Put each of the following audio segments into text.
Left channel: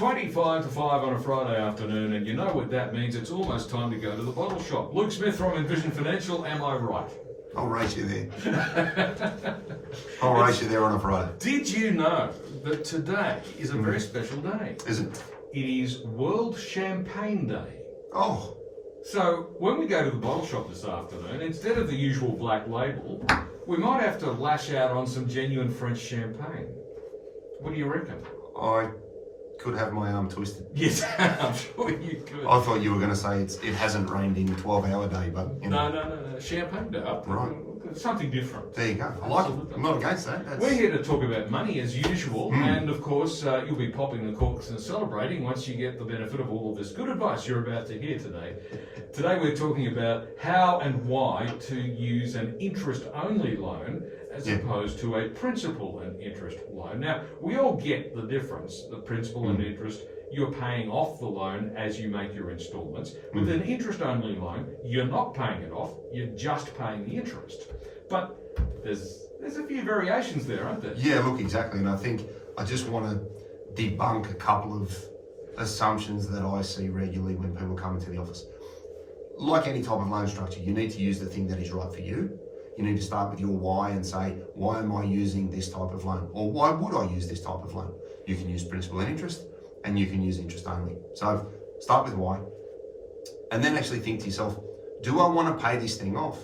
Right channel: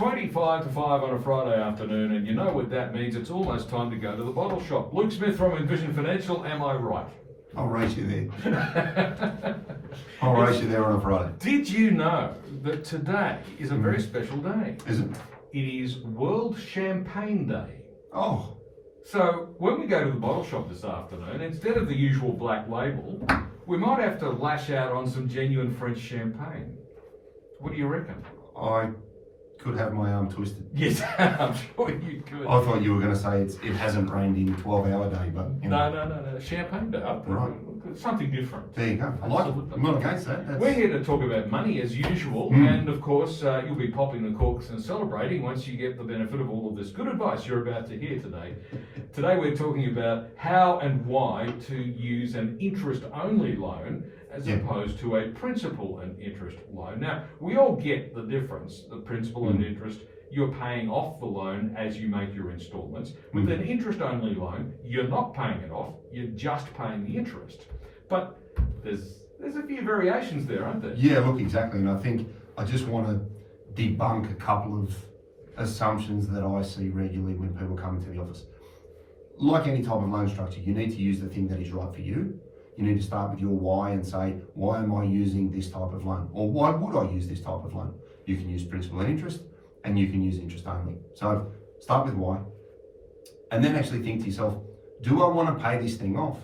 25 to 5 on a Friday afternoon, and you know what that means. It's almost time to go to the bottle shop. Luke Smith from Envision Financial, am I right? I'll race you there. I'll race you there on a Friday. Did you know that today is a very special day? Is it? It is World Champagne Day. Oh, So when we go to the bottle shop this afternoon, instead of the usual black label, we might have to lash out on some genuine French champagne. What do you reckon? I could have my arm twisted. Yes, I'm sure you could. I thought you were going to say it hasn't rained in 12-hour day, but No. Champagne Day. Right. Something different. There you go. I like it. Absolutely. I'm not against that. We're here to talk about money as usual, and of course you'll be popping the corks and celebrating once you get the benefit of all of this good advice you're about to hear today. Today we're talking about how and why to use an interest-only loan as opposed to a principal and interest loan. Now, we all get the difference, the principal and interest. You're paying off the loan as you make your instalments. With an interest-only loan, you're not paying it off, you're just paying the interest. But there's a few variations there, aren't there? Yeah, look, exactly. And I think I just want to debunk a couple of assumptions that I see regularly when people come into the office. Like any type of loan structure, you need to use the thing that is right for you. You need to start with your why and say, why am I using this type of loan? Or why would I use this type of loan? You can use principal and interest, and you can use interest only. So start with why, and then actually think to yourself, do I want to pay this thing off?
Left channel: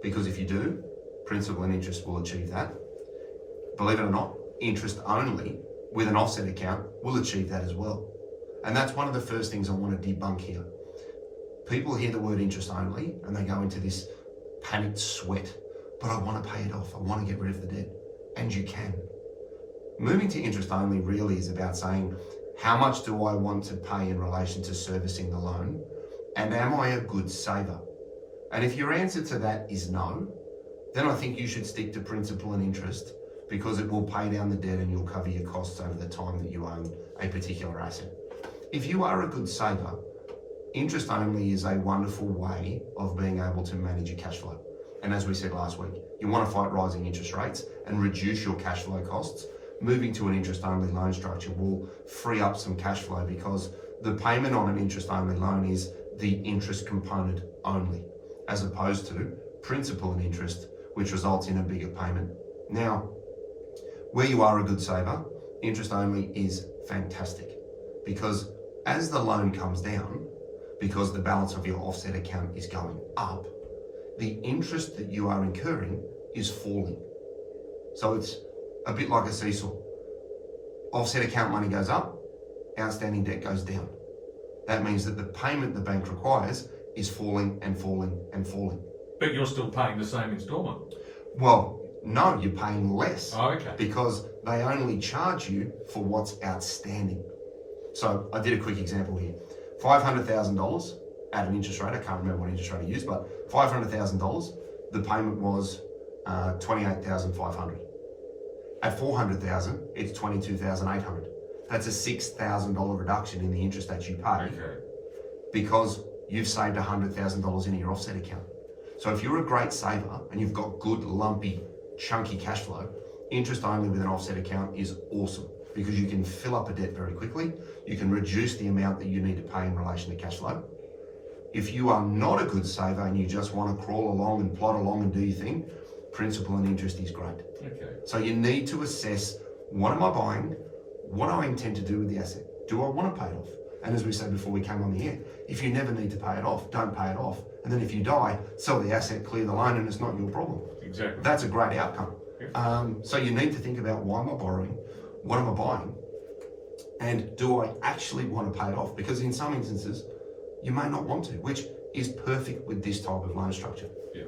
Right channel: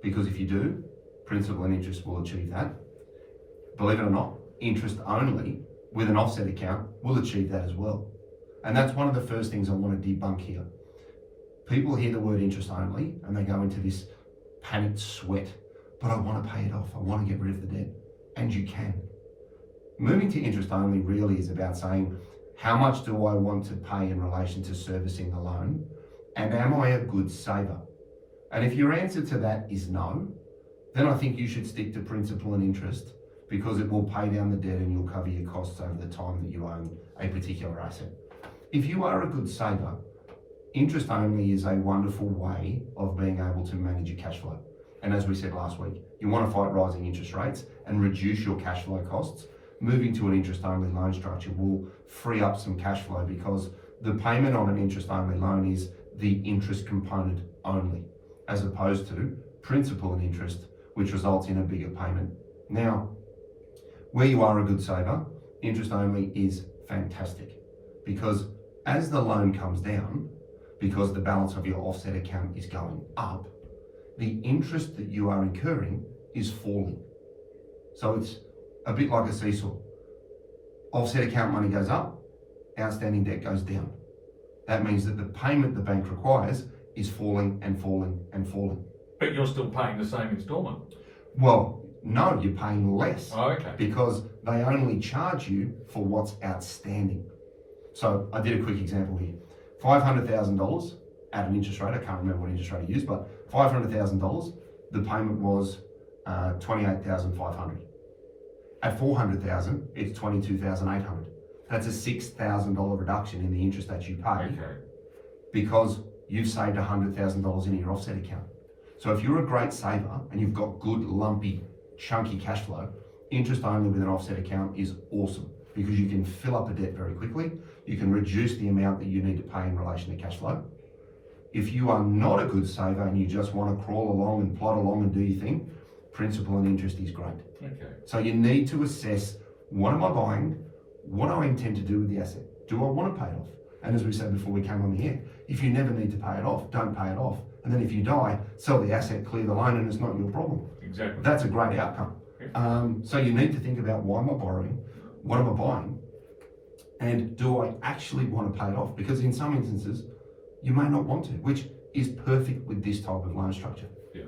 Because if you do, principal and interest will achieve that. Believe it or not, interest only with an offset account will achieve that as well. And that's one of the first things I want to debunk here. People hear the word interest only and they go into this panicked sweat, but I want to pay it off. I want to get rid of the debt. And you can. Moving to interest only really is about saying, how much do I want to pay in relation to servicing the loan? And am I a good saver? And if your answer to that is no, then I think you should stick to principal and interest, because it will pay down the debt and you'll cover your costs over the time that you own a particular asset. If you are a good saver, interest only is a wonderful way of being able to manage your cash flow. And as we said last week, you want to fight rising interest rates and reduce your cash flow costs. Moving to an interest only loan structure will free up some cash flow, because the payment on an interest only loan is the interest component only, as opposed to principal and interest, which results in a bigger payment. Now, where you are a good saver, interest only is fantastic, because as the loan comes down, because the balance of your offset account is going up, the interest that you are incurring is falling. So it's a bit like a seesaw. Offset account money goes up, outstanding debt goes down. That means that the payment the bank requires is falling and falling and falling. But you're still paying the same instalment. Well, no, you're paying less. Oh, okay. Because they only charge you for what's outstanding. So I did a quick example here. $500,000 at an interest rate, I can't remember what interest rate I used, but $500,000, the payment was $28,500. At $400,000, it's $22,800. That's a $6,000 reduction in the interest that you pay, because you've saved $100,000 in your offset account. So if you're a great saver and you've got good, lumpy, chunky cash flow, interest only with an offset account is awesome, because you can fill up a debt very quickly. You can reduce the amount that you need to pay in relation to cash flow. If you are not a good saver and you just want to crawl along and plod along and do your thing, principal and interest is great. Okay. So you need to assess, what am I buying? What do I intend to do with the asset? Do I want to pay it off? And as we said before we came on the air, if you never need to pay it off, don't pay it off. And then if you die, sell the asset, clear the loan, and it's not your problem. Exactly. That's a great outcome. So you need to think about, why am I borrowing? What am I buying? And do I actually want to pay it off? Because in some instances, you may not want to, which is perfect with this type of loan structure. Yeah.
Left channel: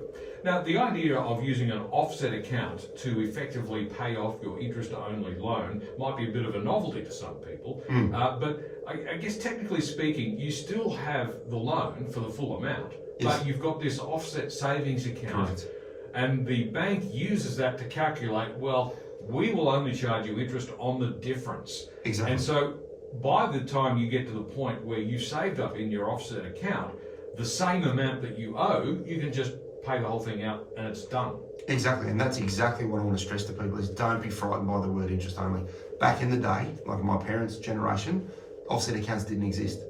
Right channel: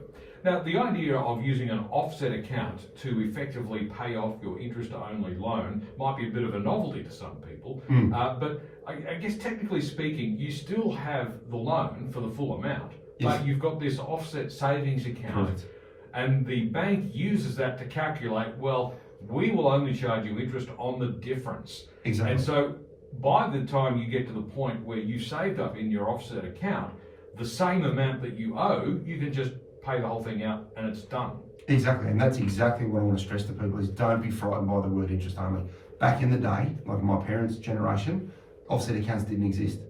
Now, the idea of using an offset account to effectively pay off your interest-only loan might be a bit of a novelty to some people, but I guess technically speaking, you still have the loan for the full amount, but you've got this offset savings account. Correct. And the bank uses that to calculate, well, we will only charge you interest on the difference. Exactly. And so by the time you get to the point where you saved up in your offset account the same amount that you owe, you can just pay the whole thing out and it's done. Exactly, and that's exactly what I want to stress to people is, don't be frightened by the word interest only. Back in the day, like my parents' generation, offset accounts didn't exist.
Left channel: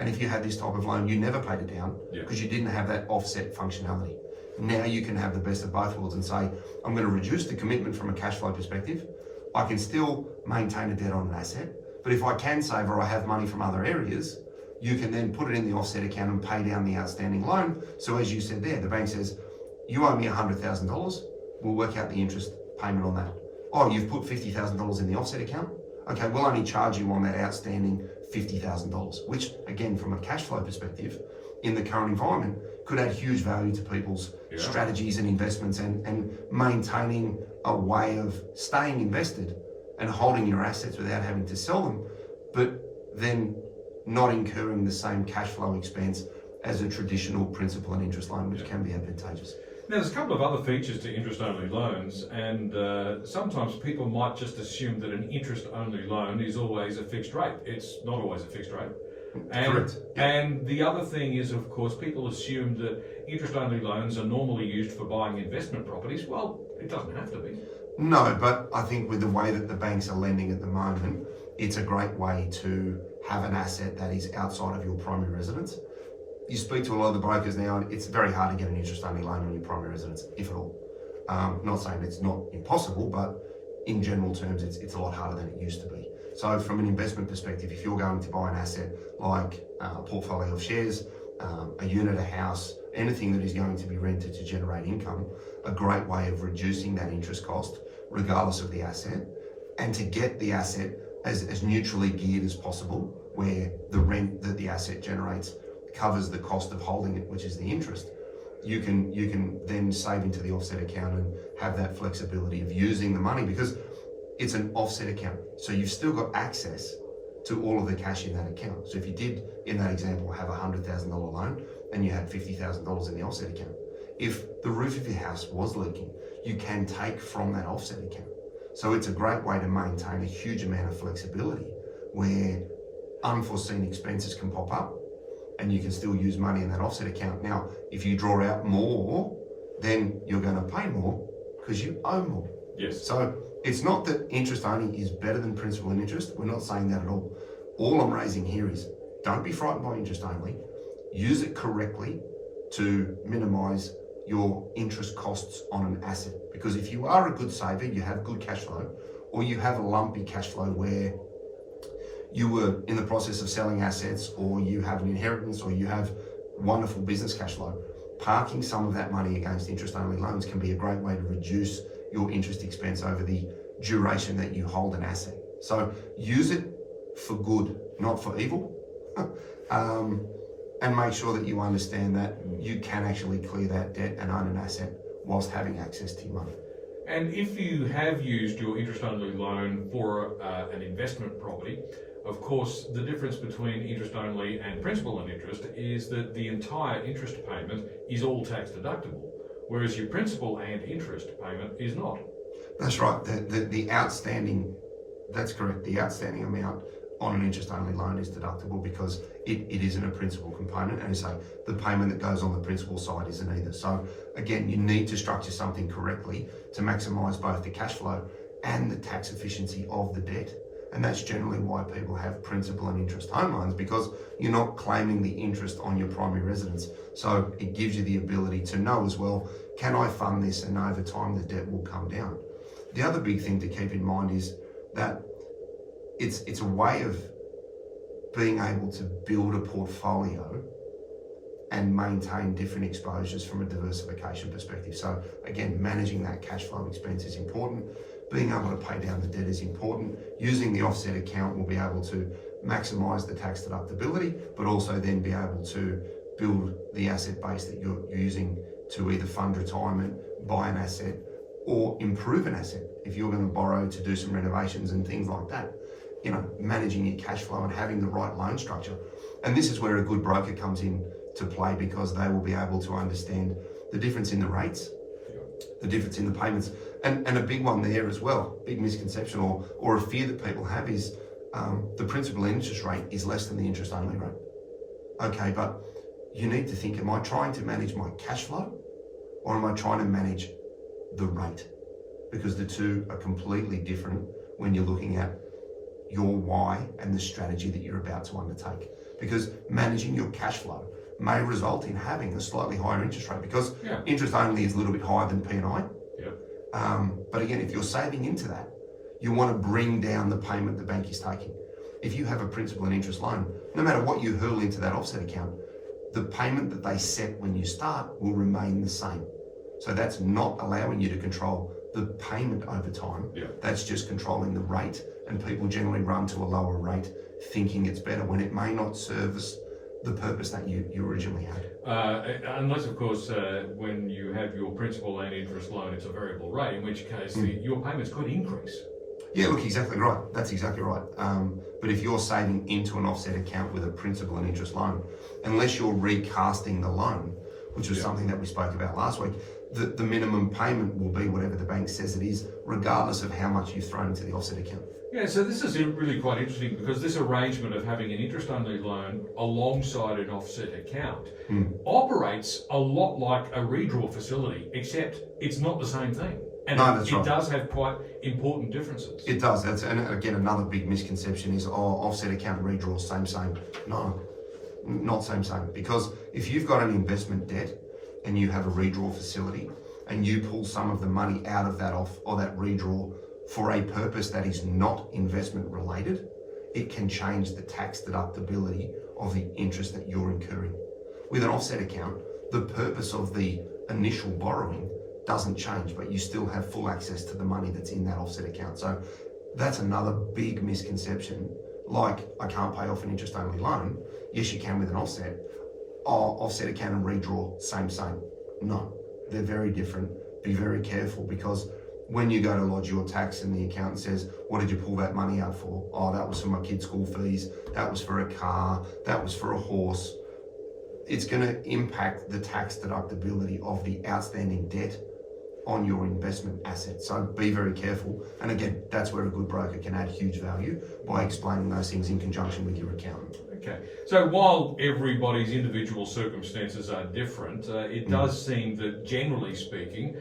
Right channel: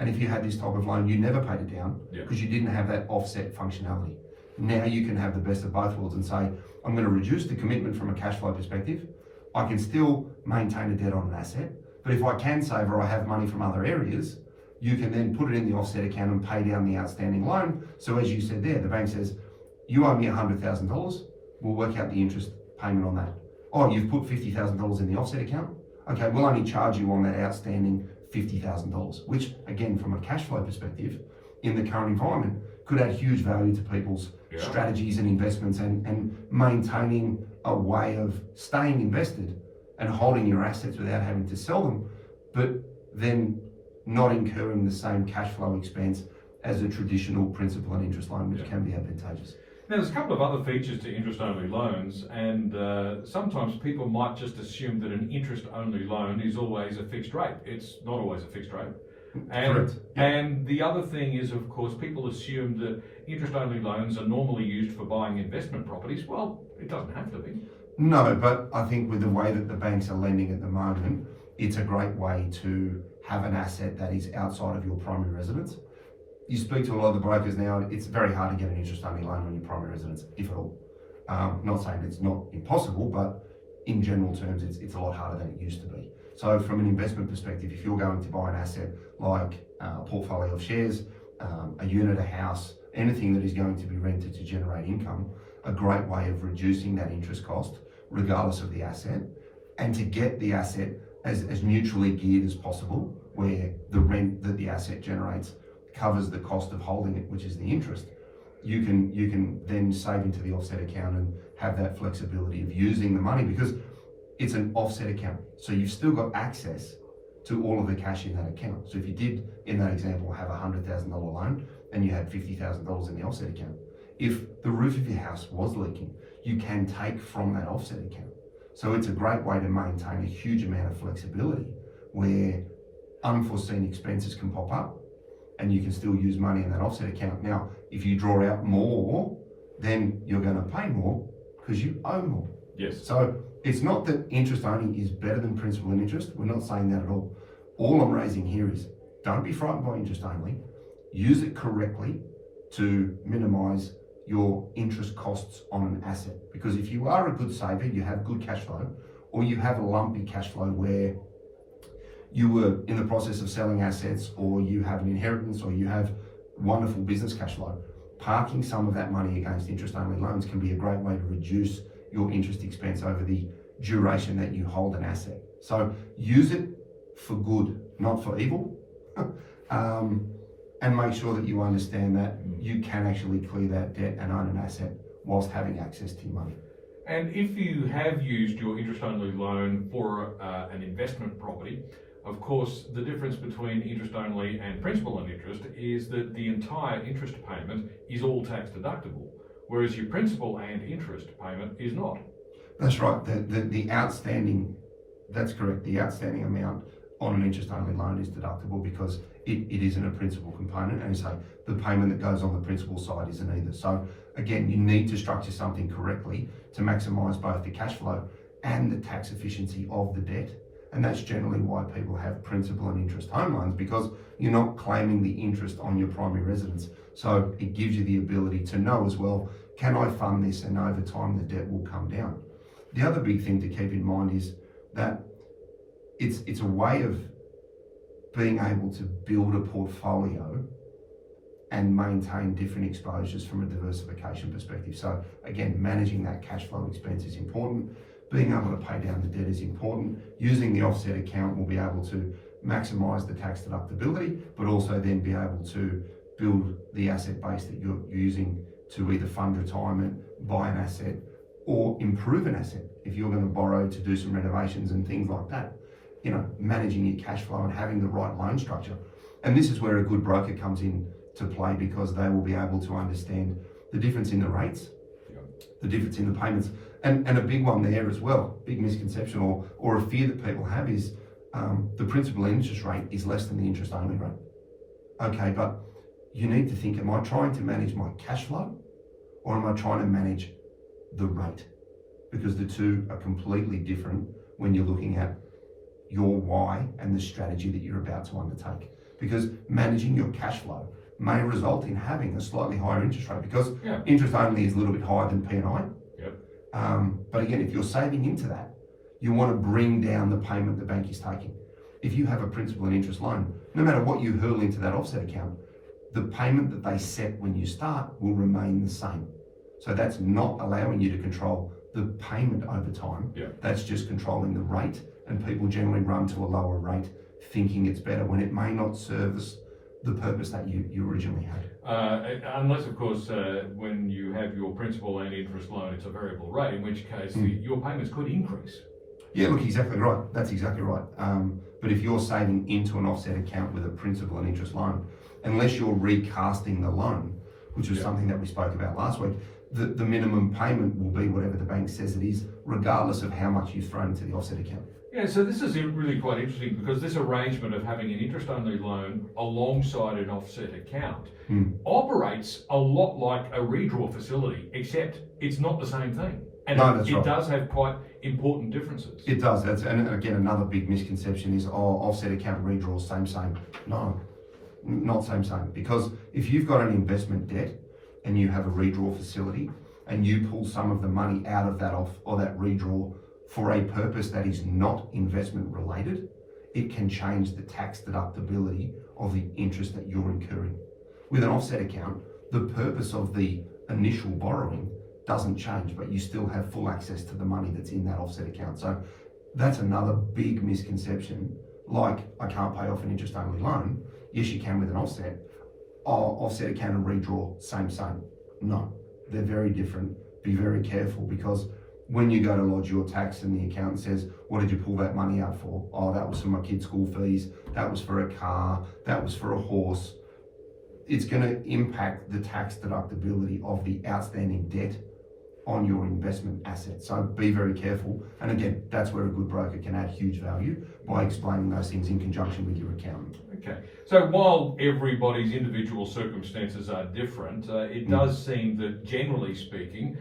And if you had this type of loan, you never paid it down because you didn't have that offset functionality. Now you can have the best of both worlds and say, I'm going to reduce the commitment from a cash flow perspective. I can still maintain a debt on an asset, but if I can save or I have money from other areas, you can then put it in the offset account and pay down the outstanding loan. So as you said there, the bank says, you owe me $100,000, we'll work out the interest payment on that. Oh, you've put $50,000 in the offset account? Okay, we'll only charge you on that outstanding $50,000, which again, from a cash flow perspective, in the current environment, could add huge value to people's strategies and investments and maintaining a way of staying invested and holding your assets without having to sell them, but then not incurring the same cash flow expense as a traditional principal and interest loan, which can be advantageous. Now, there's a couple of other features to interest-only loans, and sometimes people might just assume that an interest-only loan is always a fixed rate. It's not always a fixed rate. Correct. And the other thing is, of course, people assume that interest-only loans are normally used for buying investment properties. Well, it doesn't have to be. No, but I think with the way that the banks are lending at the moment, it's a great way to have an asset that is outside of your primary residence. You speak to a lot of the brokers now, it's very hard to get an interest-only loan on your primary residence, if at all. Not saying it's not impossible, but in general terms, it's a lot harder than it used to be. So from an investment perspective, if you're going to buy an asset like a portfolio of shares, a unit, a house, anything that is going to be rented to generate income, a great way of reducing that interest cost, regardless of the asset, and to get the asset as neutrally geared as possible, where the rent that the asset generates covers the cost of holding it, which is the interest. You can then save into the offset account and have that flexibility of using the money, because it's an offset account. So you've still got access to all of the cash in that account. So if you did, in that example, have a $100,000 loan and you had $50,000 in the offset account, if the roof of your house was leaking, you can take from that offset account. So it's a great way to maintain a huge amount of flexibility where unforeseen expenses can pop up and you can still use money in that offset account. Now, if you draw out more, then you're going to pay more because you owe more. Yes. So it's not that interest only is better than principal and interest. We're not saying that at all. All I'm raising here is don't be frightened by interest only. Use it correctly to minimize your interest costs on an asset. Because if you are a good saver, you have good cash flow, or you have a lumpy cash flow where you were in the process of selling assets, or you have an inheritance, or you have wonderful business cash flow, parking some of that money against interest-only loans can be a great way to reduce your interest expense over the duration that you hold an asset. So use it for good, not for evil. And make sure that you understand that you can actually clear that debt and own an asset whilst having access to your money. And if you have used your interest-only loan for an investment property, of course, the difference between interest-only and principal and interest is that the entire interest payment is all tax deductible, whereas your principal and interest payment is not. That's right. The outstanding, that's correct. The outstanding amount on an interest-only loan is deductible because it isn't a principal component, and so the payment that goes on the principal side isn't either. So again, you need to structure something correctly to maximise both the cash flow and the tax efficiency of the debt. And that's generally why people have principal and interest home loans, because you're not claiming the interest on your primary residence. So it gives you the ability to know as well, can I fund this and over time the debt will come down. The other big thing to keep in mind is that it's a way of being able to build a portfolio and maintain different exposures from a diversification perspective. So again, managing that cash flow expense is important. Being able to pay down the debt is important. Using the offset account will be able to maximise the tax deductibility, but also then be able to build the asset base that you're using to either fund retirement, buy an asset, or improve an asset. If you're going to borrow to do some renovations and things like that, you know, managing your cash flow and having the right loan structure. And this is where a good broker comes in to play, because they will be able to understand the difference in the rates, the difference in the payments, and a big one there as well, big misconception or a fear that people have is the principal interest rate is less than the interest only rate. Okay, but you need to think, am I trying to manage my cash flow or am I trying to manage the rate? Because the two are completely different when you're looking at your why and the strategy that you're about to undertake. Because managing your cash flow may result in having a slightly higher interest rate, because interest only is a little bit higher than P&I. Yep. But again, if you're saving into that, you want to bring down the payment the bank is taking. If you have a principal and interest loan, no matter what you hurl into that offset account, the payment that they set when you start will remain the same. So that's not allowing you to control the payment over time. That's just controlling the rate, and people generally run to a lower rate thinking it's better when it may not service the purpose that you originally had. Unless, of course, when you have your principal and interest loan, it's a variable rate, in which case your payments could increase. Yeah, look, exactly right. That's exactly right. But if you're saving into an offset account with a principal and interest loan, unless you're recasting the loan, which was something that we spoke about last week, the minimum payment will be whatever the bank says it is, regardless of how much you've thrown into the offset account. Yeah, so this is really quite interesting, because this arrangement of having an interest-only loan alongside an offset account operates a lot like a redraw facility, except it's not the same thing. And it does have quite important differences. It does. And again, another big misconception is, offset account redraw, same. No, not same. Because if you've got an investment debt and you have a redraw facility and you pull some of the money out of that that redraw for a purpose that is not investment related, it can change the tax deductibility of the interest that you're incurring. With an offset account, the purpose of the initial borrowing doesn't change, but you still have full access to the money that's in that offset account. So that's another big misconception. Like, I can't pay off an interest only loan. Yes, you can with an offset. Offset account and redraw, same. No, they're very different. Be very careful, because when you go to lodge your tax and the accountant says, what did you pull that money out for? Oh, that was for my kids' school fees. That was for a car. That was for a horse. It's going to impact the tax deductibility of the outstanding debt on your investment asset. So be very careful. And again, that's where a good broker can add huge value, by explaining those things in conjunction with your accountant. Okay. So while everybody's individual circumstances are different, it does seem that, generally speaking,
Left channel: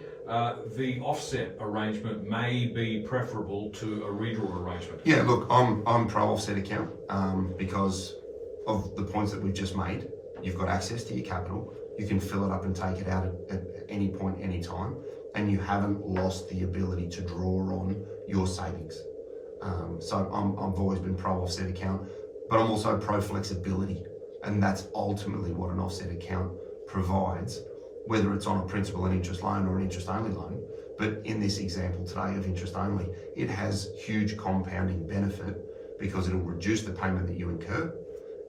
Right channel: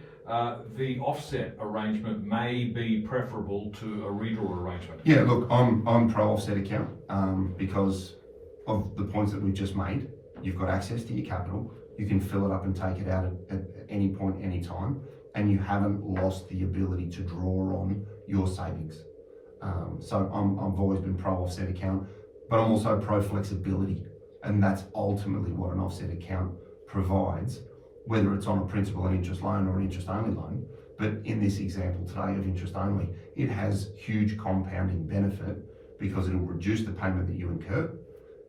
the offset arrangement may be preferable to a redraw arrangement. Yeah, look, I'm pro offset account because of the points that we've just made. You've got access to your capital. You can fill it up and take it out at any point, any time, and you haven't lost the ability to draw on your savings. So I've always been pro offset account, but I'm also pro flexibility, and that's ultimately what an offset account provides, whether it's on a principal and interest loan or an interest only loan. But in this example today of interest only, it has huge compounding benefit, because it'll reduce the payment that you incur,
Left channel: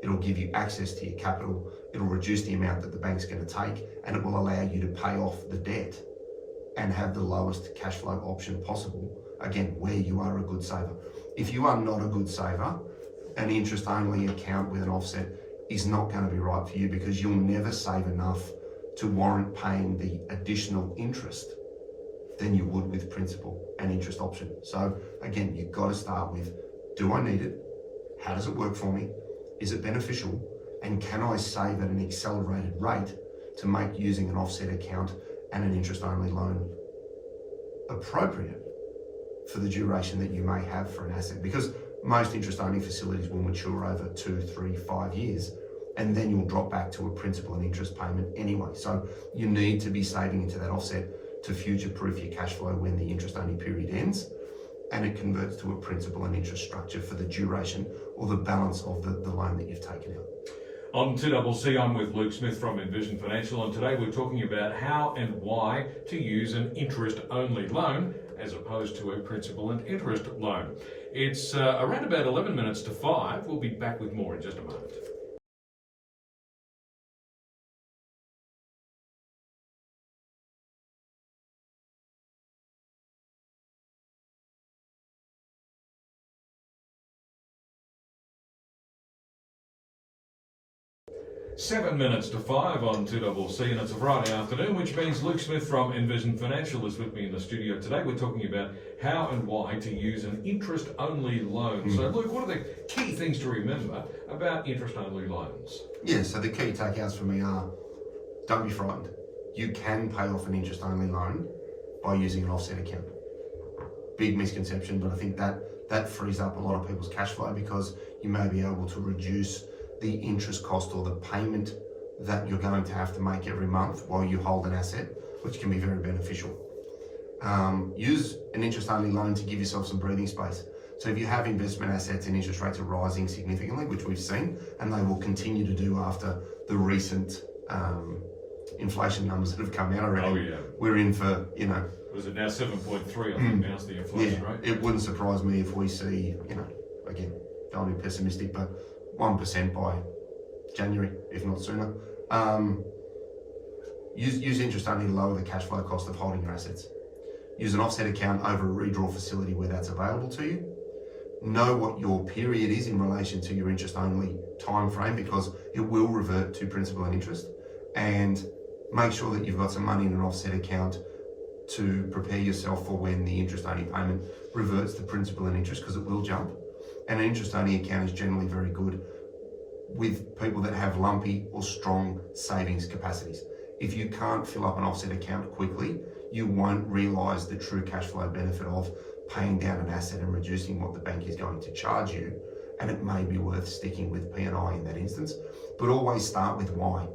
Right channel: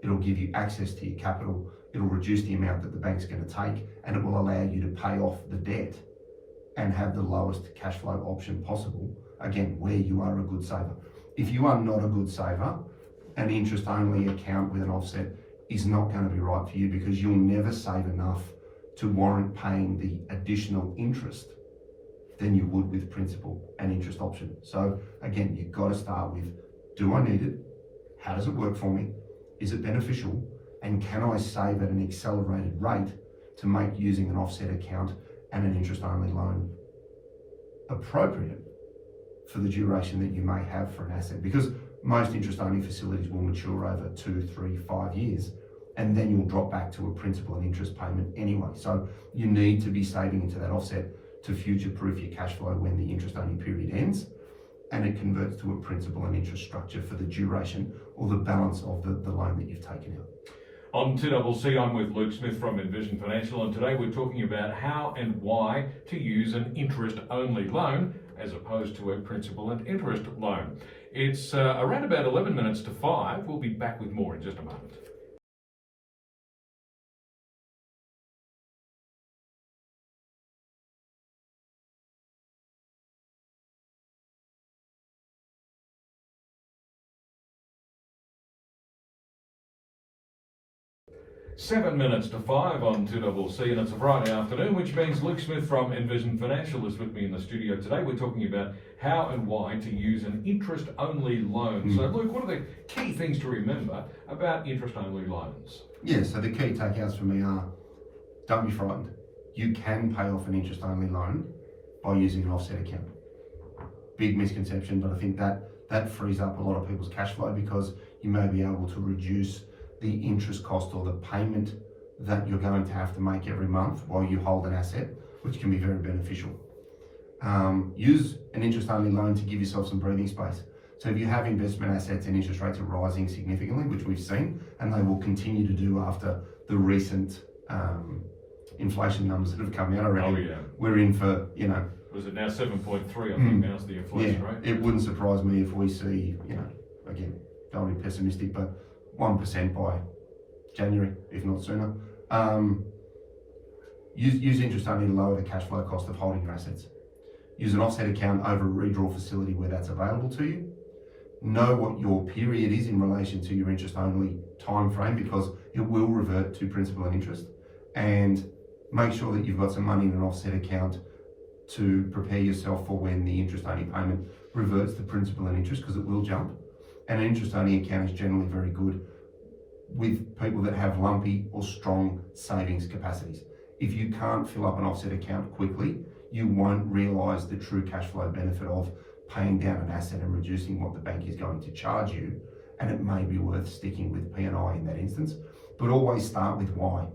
it'll give you access to your capital, it'll reduce the amount that the bank's going to take, and it will allow you to pay off the debt and have the lowest cash flow option possible, again, where you are a good saver. If you are not a good saver, an interest only account with an offset is not going to be right for you, because you'll never save enough to warrant paying the additional interest than you would with principal and interest option. So again, you've got to start with, do I need it? How does it work for me? Is it beneficial? And can I save at an accelerated rate to make using an offset account and an interest only loan appropriate for the duration that you may have for an asset? Because most interest only facilities will mature over 2, 3, 5 years, and then you'll drop back to a principal and interest payment anyway. So you need to be saving into that offset to future-proof your cash flow when the interest only period ends, and it converts to a principal and interest structure for the duration or the balance of the loan that you've taken out. On 2CC, I'm with Luke Smith from Envision Financial, and today we're talking about how and why to use an interest-only loan as opposed to a principal and interest loan. It's around about 11 minutes to 5. We'll be back with more in just a moment. Seven minutes to 5 on 2CC, and it's a Friday afternoon, which means Luke Smith from Envision Financial is with me in the studio today. We're talking about how and why to use an interest-only loan. So, Luke, what are the key things to remember about interest-only loans? Yeah, so the key takeouts for me are, don't be frightened. You can pay off an interest-only loan by using an offset account. big misconception, but I think that frees up a lot of people's cash flow because you may be able to reduce the interest cost or the payment that you're going to have to make every month while you hold an asset, which can be very beneficial. Use an interest-only loan to give yourself some breathing space. So if you have investment assets and interest rates are rising significantly, which we've seen, and they will continue to do after the recent inflation numbers that have come out already. Oh yeah. We're in for, Was it now 7.3? I think now's the inflation rate. It wouldn't surprise me if we see, again, don't be pessimistic, but 1% by January, if not sooner. Use interest only to lower the cash flow cost of holding your assets. Use an offset account over a redraw facility where that's available to you. Know what your period is in relation to your interest only time frame because it will revert to principal and interest. And make sure that you've got some money in an offset account to prepare yourself for when the interest only payment reverts to principal and interest because it will jump. And an interest only account is generally very good with people that have lumpy or strong savings capacities. If you can't fill up an offset account quickly, you won't realise the true cash flow benefit of paying down an asset and reducing what the bank is going to charge you. And it may be worth sticking with P&I in that instance, but always start with why.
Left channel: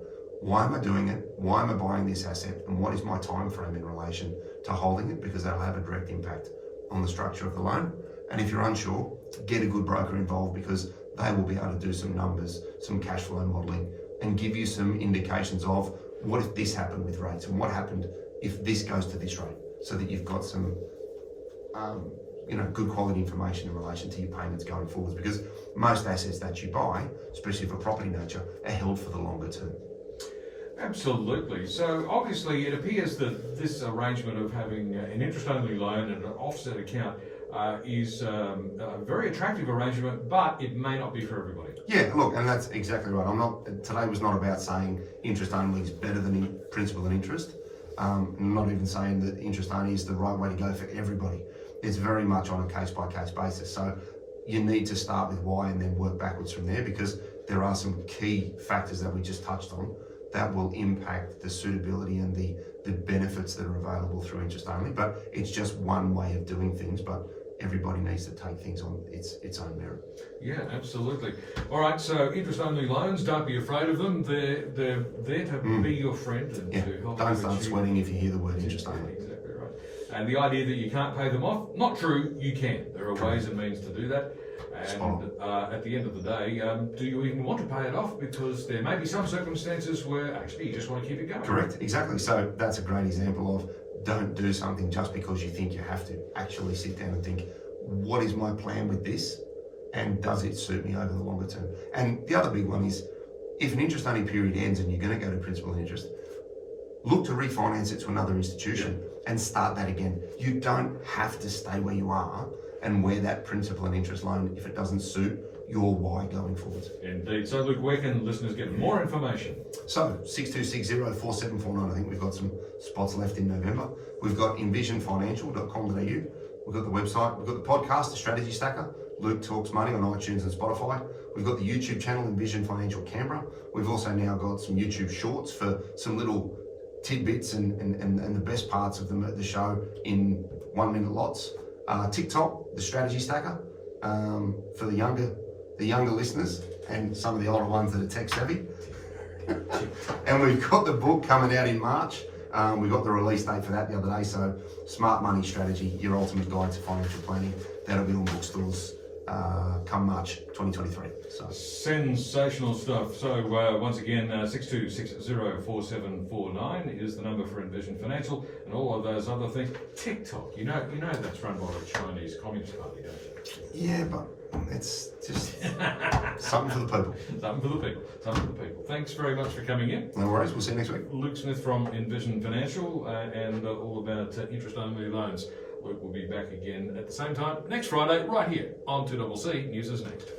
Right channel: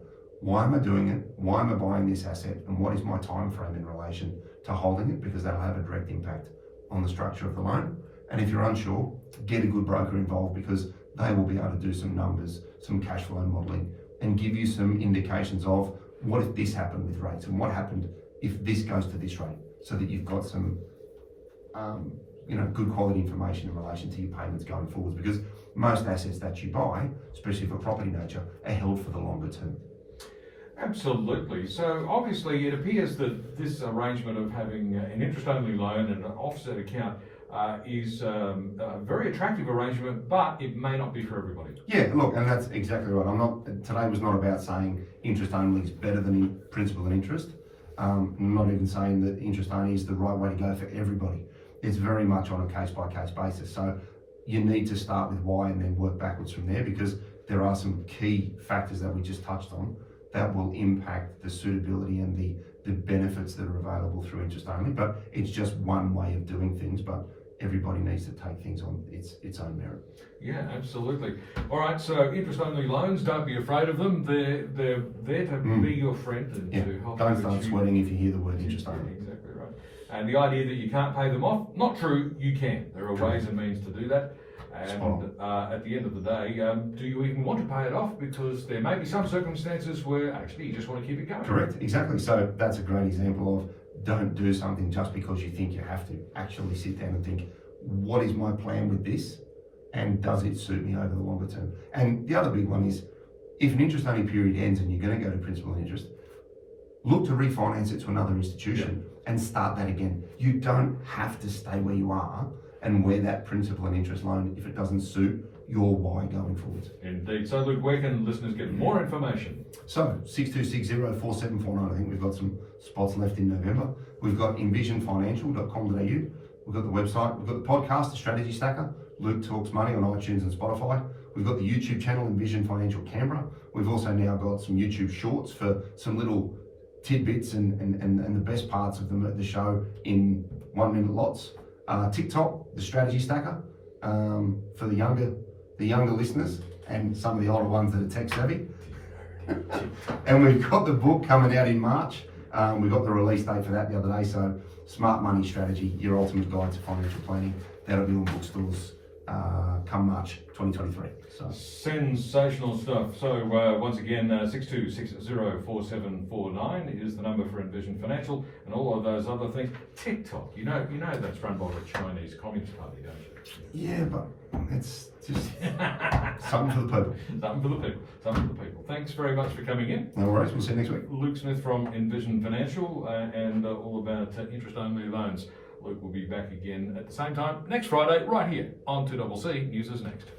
Why am I doing it? Why am I buying this asset? And what is my time frame in relation to holding it? Because that'll have a direct impact on the structure of the loan. And if you're unsure, get a good broker involved because they will be able to do some numbers, some cash flow modelling, and give you some indications of what if this happened with rates and what happened if this goes to this rate, so that you've got some good quality information in relation to your payments going forwards. Because most assets that you buy, especially of a property nature, are held for the longer term. Absolutely. So obviously it appears that this arrangement of having an interest-only loan and an offset account is a very attractive arrangement, but it may not be for everybody. Yeah, look, and that's exactly right. Today was not about saying interest only is better than principal and interest. I'm not even saying that interest only is the right way to go for everybody. It's very much on a case-by-case basis. So you need to start with why and then work backwards from there because there are some key factors that we just touched on that will impact the suitability and the benefits that are available through interest only. But it's just one way of doing things, but everybody needs to take things on its own merit. Yeah, absolutely. All right, so interest-only loans, don't be afraid of them. They're there to be your friend and to help. Don't start sweating if you hear the word interest only. Exactly right. And the idea that you can't pay them off, not true, you can. There are ways and means to do that. And at the end of the day, do you even want to pay it off? Because there may be some circumstances where actually you just want to keep it going. Correct, exactly. So that's a great example of don't do something just because you think you have to. Actually sit down and think, what is my plan with this? And does it suit me over the longer term? And the other big one is, if an interest only period ends and you're going to go to principal and interest, look to refinance it to another institution and start that again. You don't have to stay where you are and wear that principal and interest loan if it doesn't suit your why going forwards. Indeed. So Luke, where can listeners get more information? So 62604749, I think we've got some spots left in November. We've got envisionfinancial.com.au. We've got the website, we've got the podcast, The Strategy Stacker, Luke Talks Money on iTunes and Spotify. We've got the YouTube channel, Envision Financial Canberra. We've also now got some YouTube shorts for some little tidbits and the best parts of the show in 1 minute lots. TikTok, The Strategy Stacker, for the younger listeners and some of the older ones that are tech savvy. And we've got the book coming out in March. We got the release date for that the other day. So Smart Money Strategy, Your Ultimate Guide to Financial Planning. That'll be on bookstores come March 2023. So sensational stuff. So once again, 62604749 is the number for Envision Financial and all of those other things. TikTok, you know that's run by the Chinese Communist Party, don't you? Yeah, but it's just something for the people. Something for the people. Something for the people. Thanks very much for coming in. No worries. We'll see you next week. Luke Smith from Envision Financial and all about interest-only loans. Luke will be back again at the same time next Friday, right here on 2CC. News is next.